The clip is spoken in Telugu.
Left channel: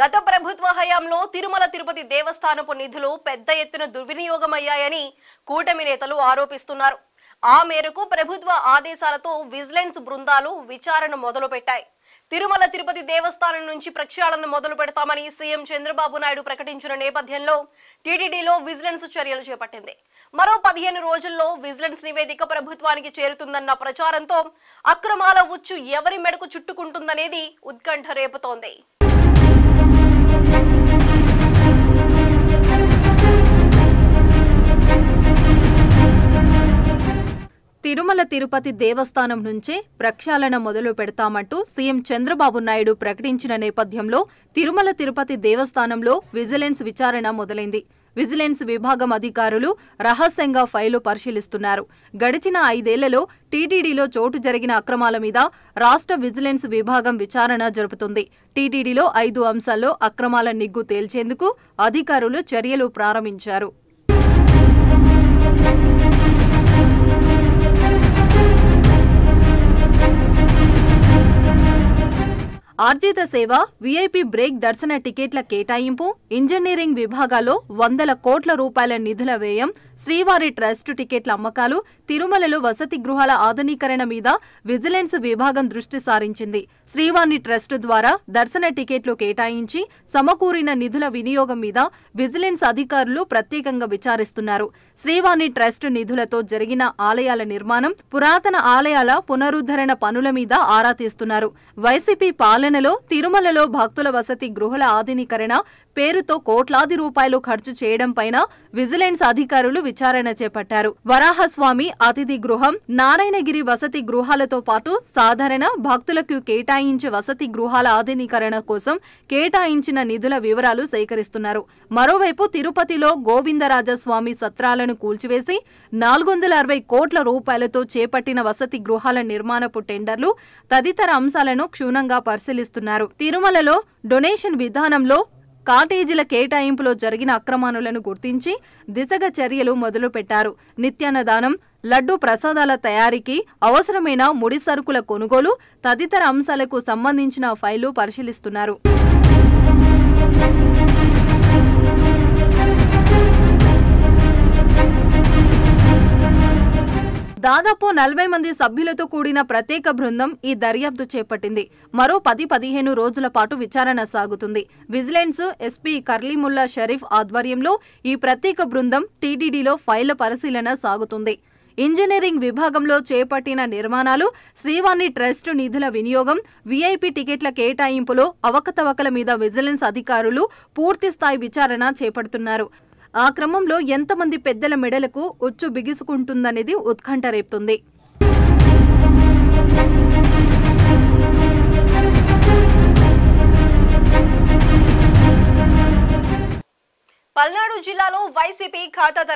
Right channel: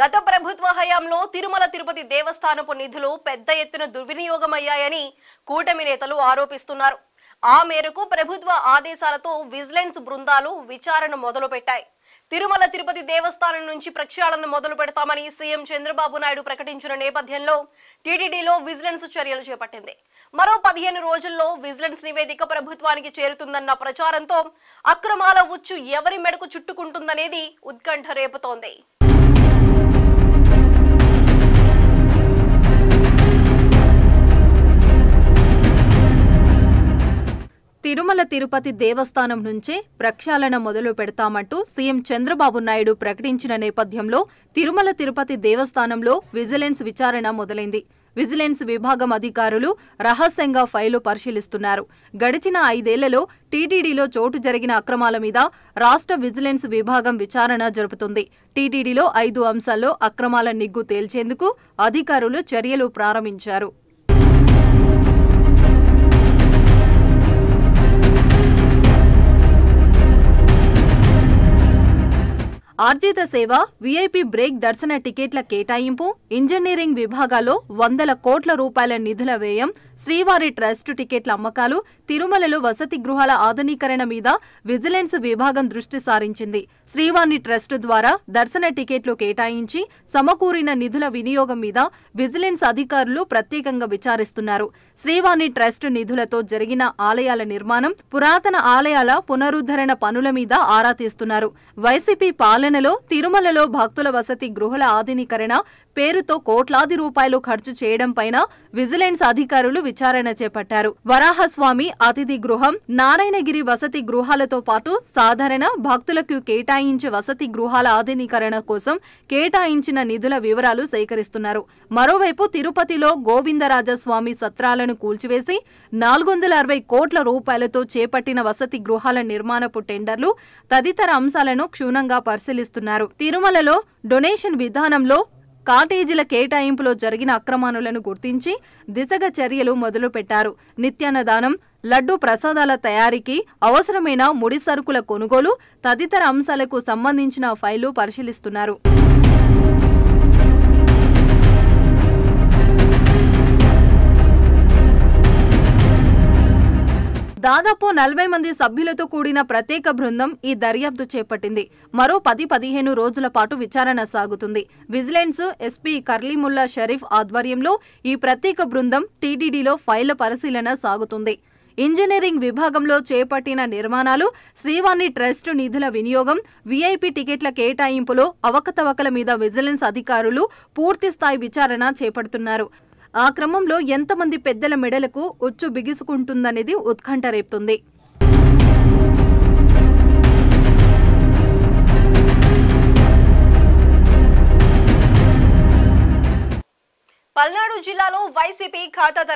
గత ప్రభుత్వ హయాంలో తిరుమల తిరుపతి దేవస్థానపు నిధులు పెద్ద ఎత్తున దుర్వినియోగమయ్యాయని కూటమి నేతలు ఆరోపిస్తున్నారు. ఆ మేరకు ప్రభుత్వ ఆదేశాలతో విజిలెన్స్ బృందాలు విచారణ మొదలుపెట్టాయి. తిరుమల తిరుపతి దేవస్థానం నుంచి ప్రక్షాళన మొదలు పెడతామని సీఎం చంద్రబాబు నాయుడు ప్రకటించిన నేపథ్యంలో టీటీడీలో విజిలెన్స్ చర్యలు చేపట్టింది. మరో 15 రోజుల్లో విజిలెన్స్ నివేదిక ప్రభుత్వానికి చేరుతుందన్న ప్రచారంతో అక్రమాల ఉచ్చు ఎవరి మెడకు చుట్టుకుంటుందనేది ఉత్కంఠ రేపుతోంది. తిరుమల తిరుపతి దేవస్థానం నుంచే ప్రక్షాళన మొదలు పెడతామంటూ సీఎం చంద్రబాబు నాయుడు ప్రకటించిన నేపథ్యంలో తిరుమల తిరుపతి దేవస్థానంలో విజిలెన్స్ విచారణ మొదలైంది. విజిలెన్స్ విభాగం అధికారులు రహస్యంగా ఫైలు పరిశీలిస్తున్నారు. గడిచిన 5 ఏళ్లలో టీటీడీలో చోటు జరిగిన అక్రమాల మీద రాష్ట్ర విజిలెన్స్ విభాగం విచారణ జరుపుతుంది. టీటీడీలో 5 అంశాల్లో అక్రమాల నిగ్గు తేల్చేందుకు అధికారులు చర్యలు ప్రారంభించారు. ఆర్జిత సేవ, వీఐపీ బ్రేక్ దర్శన టికెట్ల కేటాయింపు, ఇంజనీరింగ్ విభాగాల్లో 100 కోట్ల రూపాయల నిధుల వ్యయం, శ్రీవారి ట్రస్ట్ టికెట్ల అమ్మకాలు, తిరుమలలో వసతి గృహాల ఆధునీకరణ మీద విజిలెన్స్ విభాగం దృష్టి సారించింది. శ్రీవారి ట్రస్ట్ ద్వారా దర్శన టికెట్లు కేటాయించి సమకూరిన నిధుల వినియోగం మీద విజిలెన్స్ అధికారులు ప్రత్యేకంగా విచారిస్తున్నారు. శ్రీవారి ట్రస్ట్ నిధులతో జరిగిన ఆలయాల నిర్మాణం, పురాతన ఆలయాల పునరుద్ధరణ పనుల మీద ఆరా తీస్తున్నారు. వైసీపీ పాలనలో తిరుమలలో భక్తుల వసతి గృహాల ఆధునీకరణ పేరుతో కోట్లాది రూపాయలు ఖర్చు చేయడం పైన విజిలెన్స్ అధికారులు విచారణ చేపట్టారు. వరాహస్వామి అతిథి గృహం, నారాయణగిరి వసతి గృహాలతో పాటు సాధారణ భక్తులకు కేటాయించే వసతి గృహాల ఆధునీకరణ కోసం కేటాయించిన నిధుల వివరాలు సేకరిస్తున్నారు. మరోవైపు తిరుపతిలో గోవిందరాజస్వామి సత్రాలను కూల్చివేసి 460 కోట్ల రూపాయలతో చేపట్టిన వసతి గృహాల నిర్మాణపు టెండర్లు తదితర అంశాలను క్షుణ్ణంగా పరిశీలిస్తున్నారు. తిరుమలలో డొనేషన్ విధానంలో కాటేజీల కేటాయింపులో జరిగిన అక్రమాలను గుర్తించి దిశగా చర్యలు మొదలుపెట్టారు. నిత్యాన్నదానం, లడ్డూ ప్రసాదాల తయారీకి అవసరమైన ముడి సరుకుల కొనుగోలు తదితర అంశాలకు సంబంధించిన ఫైలు పరిశీలిస్తున్నారు. దాదాపు 40 మంది సభ్యులతో కూడిన ప్రత్యేక బృందం ఈ దర్యాప్తు చేపట్టింది. మరో 10-15 రోజుల పాటు విచారణ సాగుతుంది. విజిలెన్స్ ఎస్పీ కర్లీముల్లా షరీఫ్ ఆధ్వర్యంలో ఈ ప్రత్యేక బృందం టీటీడీలో ఫైళ్ల పరిశీలన సాగుతుంది. ఇంజనీరింగ్ విభాగంలో చేపట్టిన నిర్మాణాలు, శ్రీవారి ట్రస్ట్ నిధుల వినియోగం, వీఐపీ టికెట్ల కేటాయింపులో అవకతవకల మీద విజిలెన్స్ అధికారులు పూర్తిస్థాయి విచారణ చేపడుతున్నారు. ఆ క్రమంలో ఎంతమంది పెద్దల మెడలకు ఉచ్చు బిగుసుకుంటుందనేది ఉత్కంఠ రేపుతుంది. పల్నాడు జిల్లాలో వైసీపీ ఖాతా